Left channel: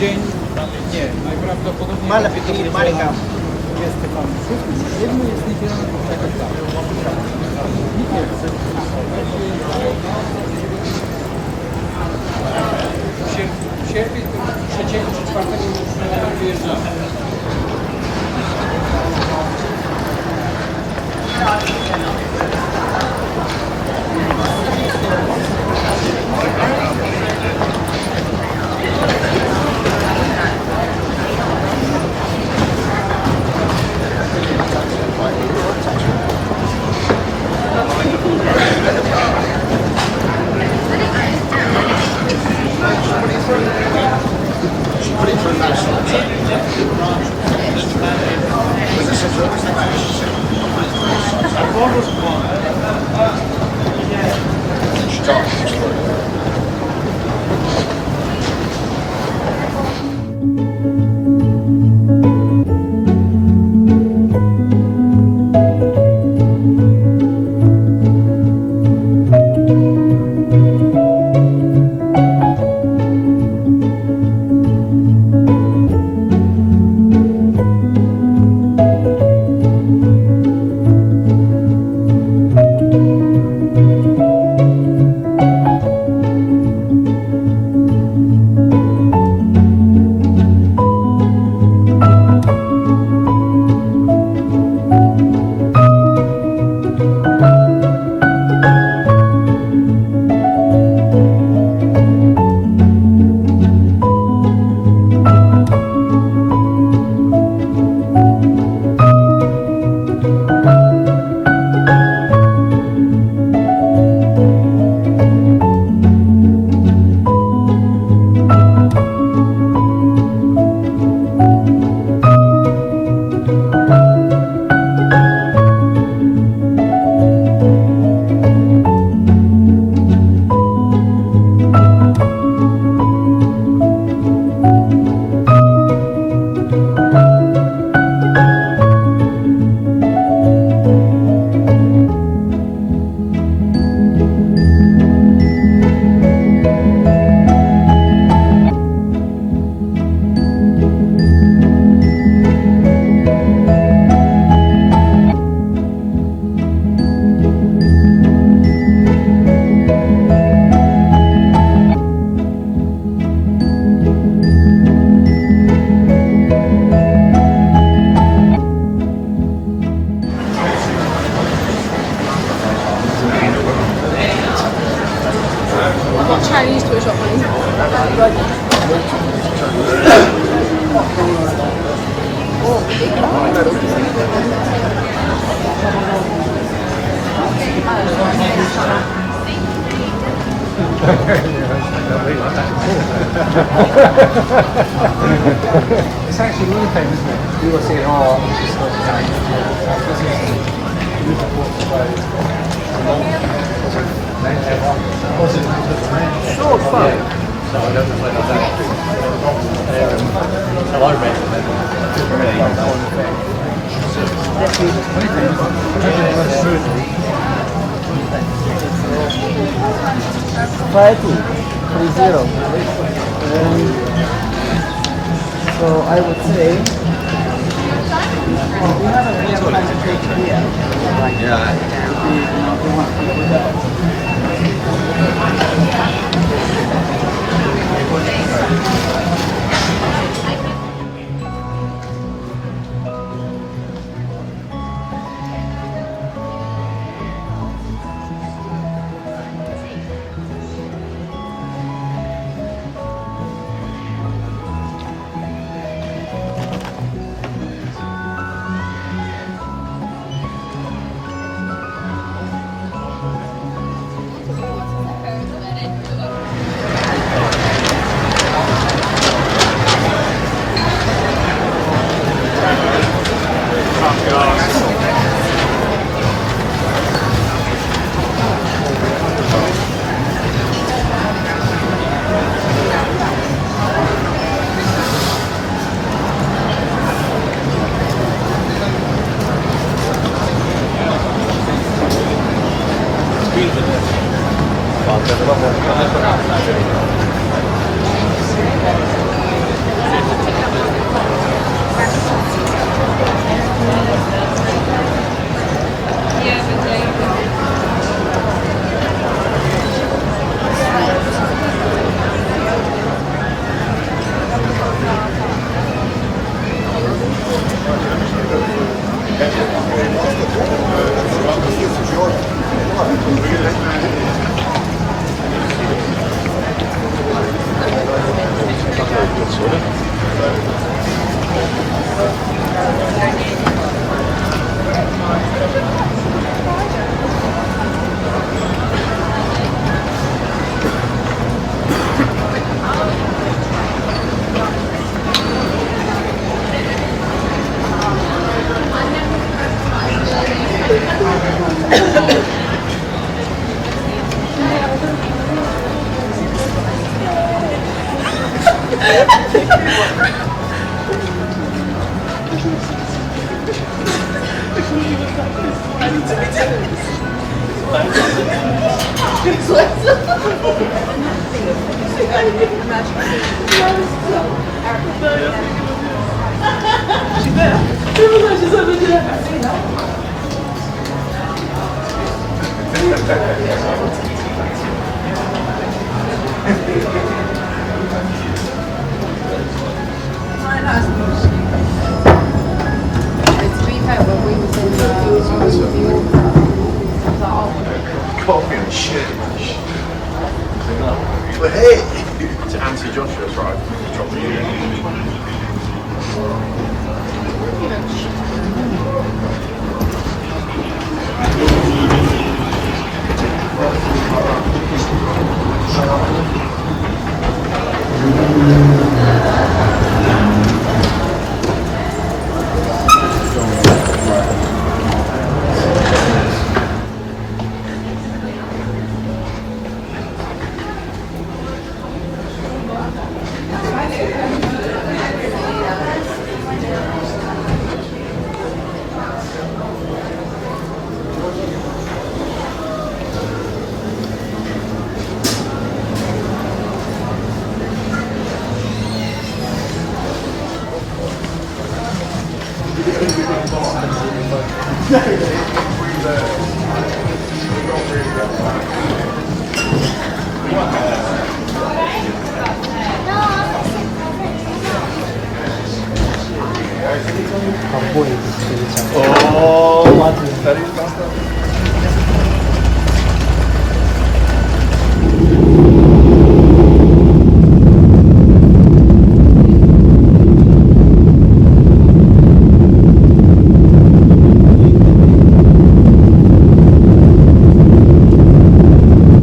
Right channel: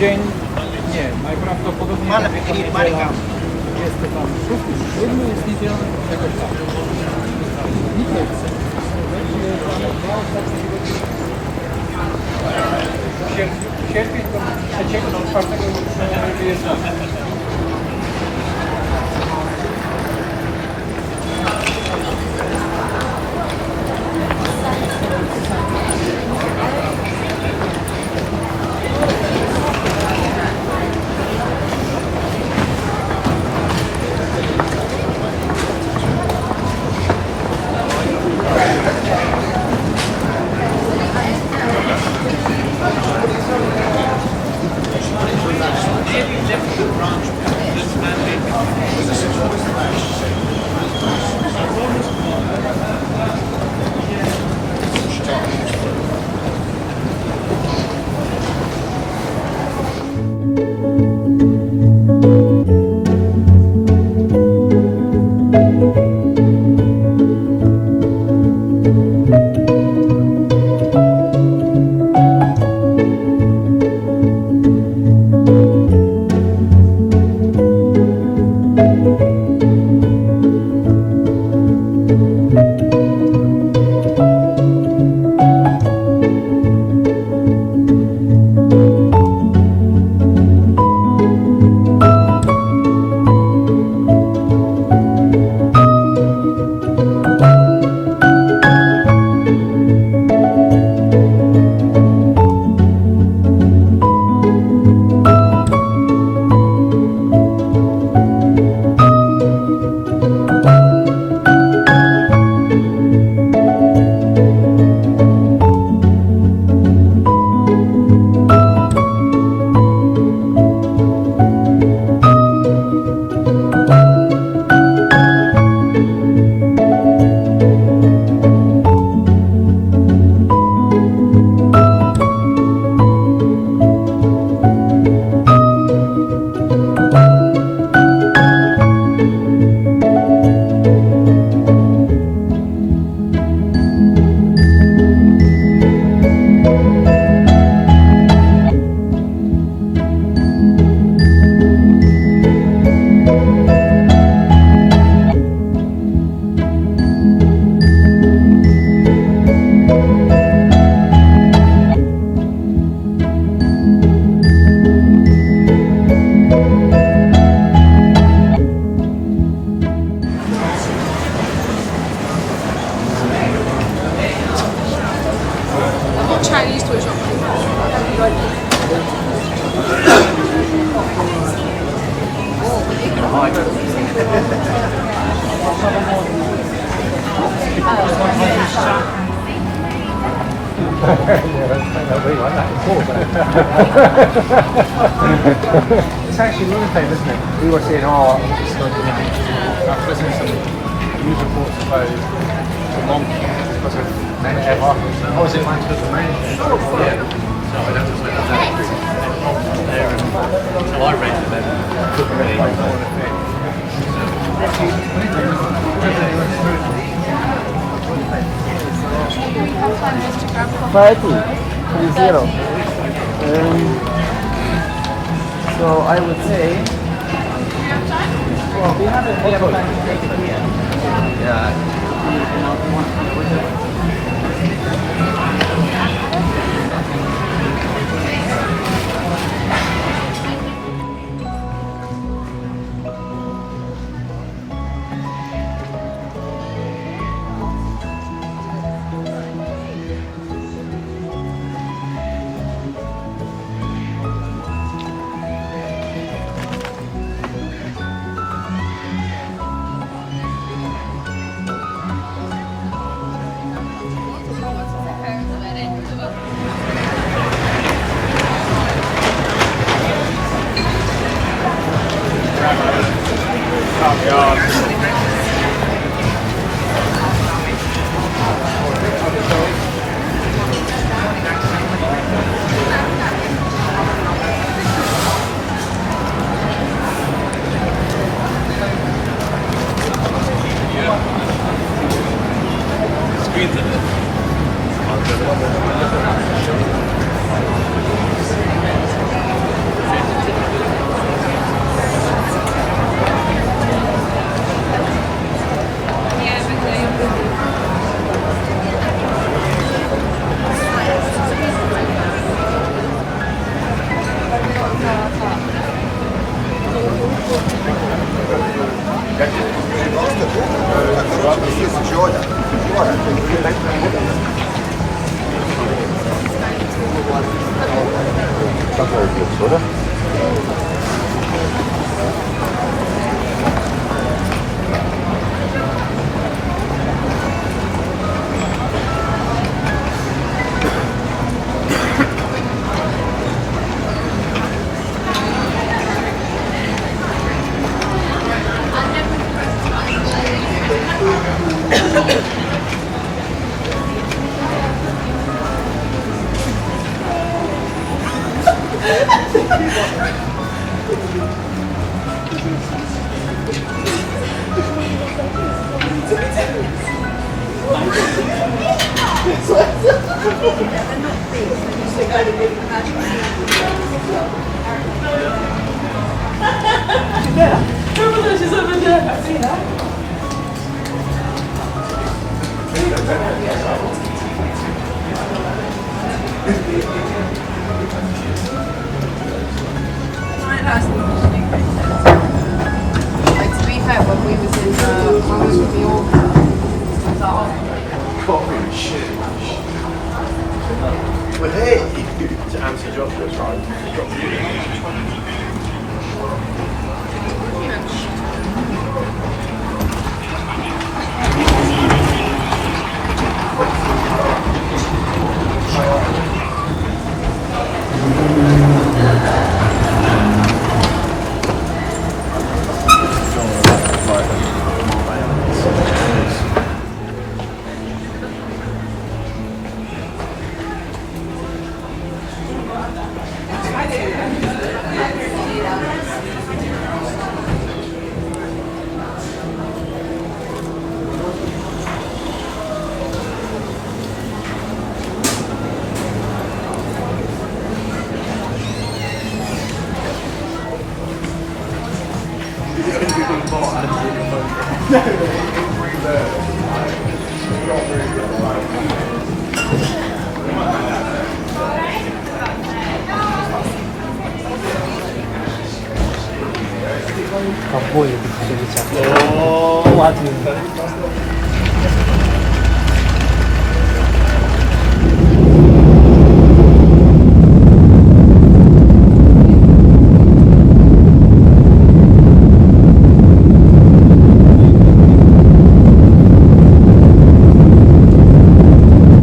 dzień nie, najprawdopodobniej... Ale wygrili Maryka. Jest to tam siódmy, jest niedzielny, jakoś tak. Nikt nie chce. Sierpień to 3-4 już wyjeżdżamy. It's actually one thing, isn't it? We were saying, oh, I'm just going to use reports about I was in Manchester Manchester. So I don't know whether that's not there until I read it, then it could really not more effect. Actually, funny thing, everything runs smoothly. So I would say, well, we have time to take it here. Yeah. If you want to put that. To be fair, when we was in the Coffee and shit. But hey! To answer Joshua's right, drop you in.